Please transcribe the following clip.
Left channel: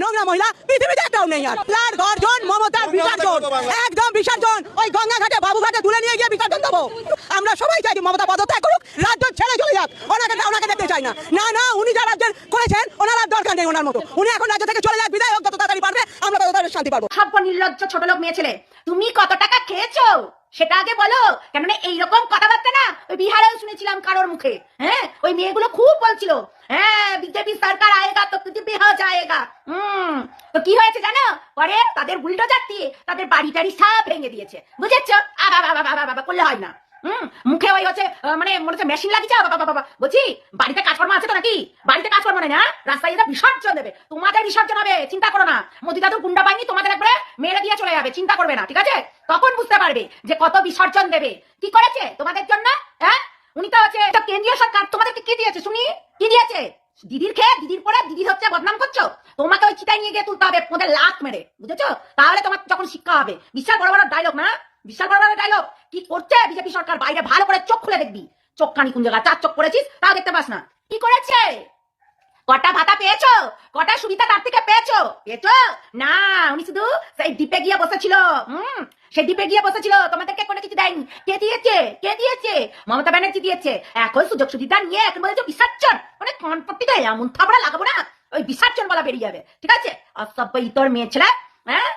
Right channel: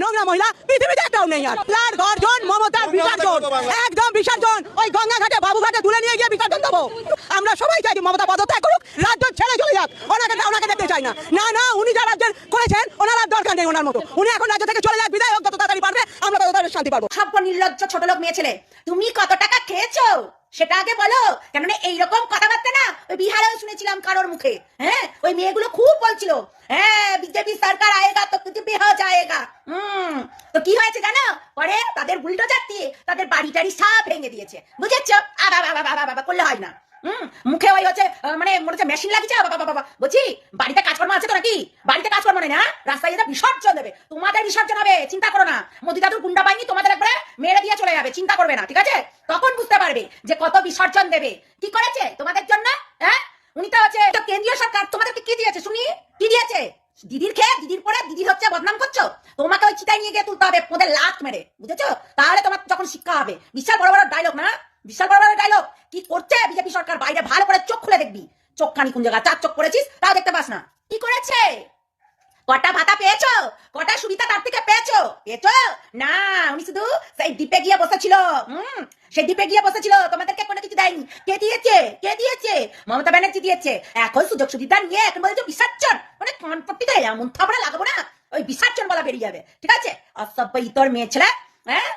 নোংরা মহিলা পৃথিবীতে একটাও নেই। আর তার গর্জন মমতার বিসর্জন, একদম বিসর্জন। ওই গঙ্গাঘাটে বাবুঘাটে তুলে নিয়ে গিয়ে বিসর্জন দেবো। আমরা সবাই চাই মমতা পদত্যাগ করুক, রাজ্য ছেড়ে চলে যাক। ওনাকে দেখতে চাই না। না না, উনি যা রাজ্যের করেছেন ওনার আর দরকার নেই ওনার মতো। উনি এখন রাজ্য থেকে চলে যাক, বিদায় হোক, যত তাড়াতাড়ি পারবে আমরা তত তাড়াতাড়ি শান্তি পাবো। সভ্য নির্লজ্জ ছোট লোক মেয়ে ছেলে, তুমি কত টাকা খেয়েছো সেটা আগে বলো। কেননা এইরকম কথাবার্তা না ওই বিহারেও শুনেছিলাম কারোর মুখে। হ্যাঁ, ওই মেয়েগুলো খুব বলছিল, হ্যাঁ বিজেপি সরকার আয়েগা তো পৃথিবী হয়ে যায়গা। তো কি হয়েছে জানো? পরে তাদের বুলডোজার দিয়ে তাদের বাড়ি টাড়ি সব ভেঙে দিয়েছে, বুঝেছো? বাবা করলে হয় না। মুখে ওই হচ্ছে মানে মনে হচ্ছে মেশিন লাগিয়েছে। বাবা বলছি, বাড়িতে কাজকর্ম আছে তো নাকি? বাড়িতে কাজকর্ম নেই না, রাস্তায় এটা বিসর্জন দেবে। তোমাদের বিসর্জন হবে, চিন্তা করো না। মোদি দাদুর গুন্ডা বাহিনী তোমাদের একবারে মেরে দিয়ে চলে যাবে, চিন্তা করবে না, ঠিক আছে? তখন বুঝতে পারবে যে কত বিসর্জন দেবে। কি করেছে তোমাদের জন্য? হ্যাঁ, উনি তো হচ্ছে কেন্দ্রীয় সরকার তোমাদেরকে কি দিয়েছে শুনি? কি দিয়েছে? দিদির খেয়ে দিদির পরে দিদির হচ্ছে বদনাম করছো। তোমাকে ওই চিতায় নিয়ে গিয়ে তুলতে হবে ওদের লাত মেরে, বুঝেছো? তাহলে তোমার যখন শিক্ষা হবে। বিশাল বড় বড় ডায়লগ না, বিশাল বড় বড় ডায়লগ। কি করছে বিজেপি সরকার? বাইরে ভালো করে চোখ খুলে দেখবি। চোখ কানি কোন জায়গা? 4 চোখ করেছিস তাও দেখতে পাস না। কি করেছে? কটা ভাতা পেয়েছো? কটা সুবিধা তার থেকে পেয়েছো? না, উনি শুধু সেই দ্বীপে গিয়ে বসেছিল। সেই দ্বীপে গিয়ে বসেছিল, তোমাদেরকে কোনো কিছু দেয়নি। কে দিয়েছে? কে দিয়েছে? মমতা ব্যানার্জি দিয়েছে। এখন সুযোগ সুবিধা নিয়ে একেবারে যে বিসর্জন, মানে কনপট্টিতে এমন থাবড়া লাগাবো না, ওই বিসর্জন বলা বেরিয়ে যাবে, ঠিক আছে? অসভ্য ইতর মেয়ে ছেলে। হ্যাঁ,